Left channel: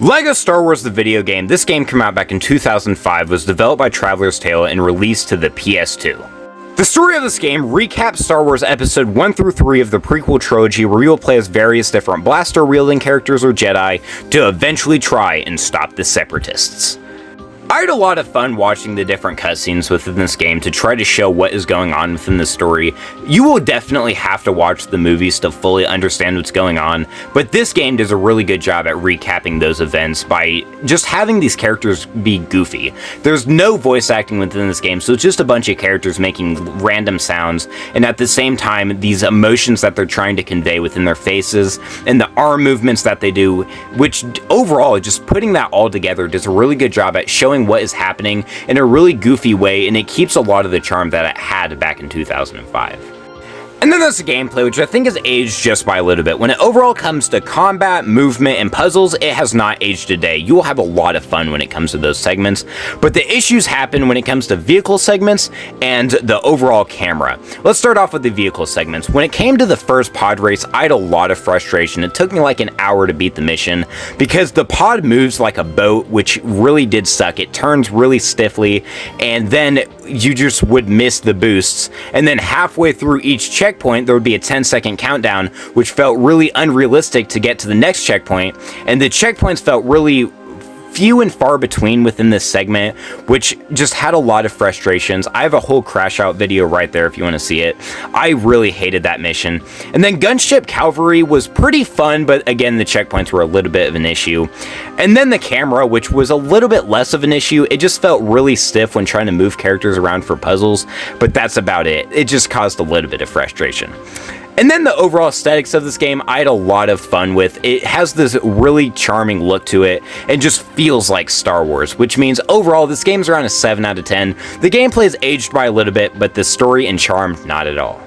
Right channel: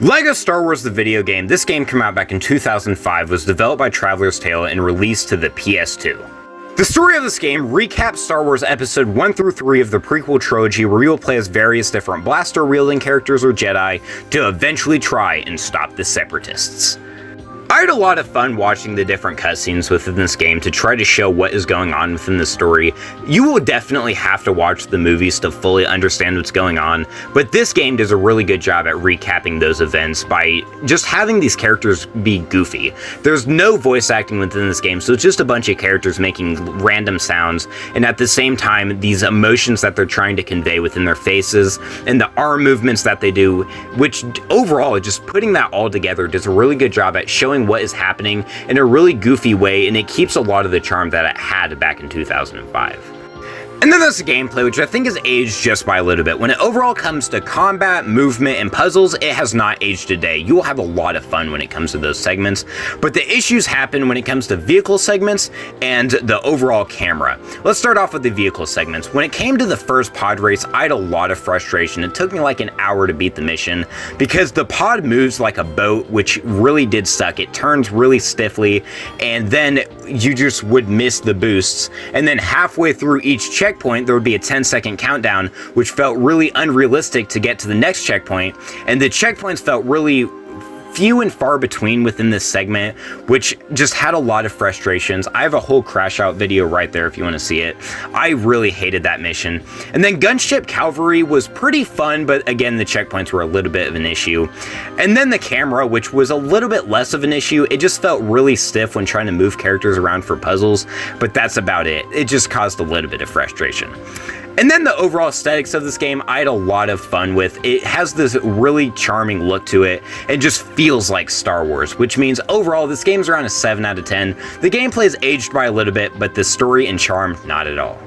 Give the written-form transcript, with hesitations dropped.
LEGO Star Wars the video game, this game came out back in 2005, was developed by Traveler's Tale and released to the PS2. The story of this game recaps Star Wars Episode 1 through 3 of the prequel trilogy, where you will play as various different blaster-wielding characters or Jedi to eventually try and stop the Separatists. I had a lot of fun watching the different cutscenes within this game to try to show what is going on within the story. You will definitely have to watch the movies to fully understand what's going on, but this game does a really good job at recapping those events by just having these characters be goofy. There's no voice acting within this game, so it's just a bunch of characters making random sounds, and at the same time, these emotions that they're trying to convey within their faces, and the arm movements that they do, which overall, just putting that all together does a really good job at showing what is happening in a really goofy way, and it keeps a lot of the charm that it had back in 2005. And then there's the gameplay, which I think has aged just by a little bit. When it overall comes to combat, movement, and puzzles, it has not aged a day. You will have a lot of fun when it comes to those segments, but the issues happen when it comes to vehicle segments and the overall camera. Let's start off with the vehicle segments. When it came to the first pod race, I had a lot of frustration. It took me like an hour to beat the mission because the pod moves like a boat, which really did suck. It turns really stiffly, and then you just would miss the boosts, and then halfway through each checkpoint there would be a 10-second countdown, which felt really unrealistic to get to the next checkpoint, and the checkpoints felt really few and far between within this segment, which just had a lot of frustrations. I have a whole crash out video right there if you want to see it. I really hated that mission. And then Gunship Cavalry was pretty fun, but again, the checkpoints were a little bit of an issue. And then the camera, which was a little bit less of an issue. It just felt really stiff when trying to move characters around for puzzles, but that's about it. It just caused a little bit of frustration. And then the overall aesthetics of this game, I had a lot of fun with. It has this really charming look to it and just feels like Star Wars, which means overall this game's around a 7 out of 10. The gameplay is aged by a little bit, but the story and charm, not at all.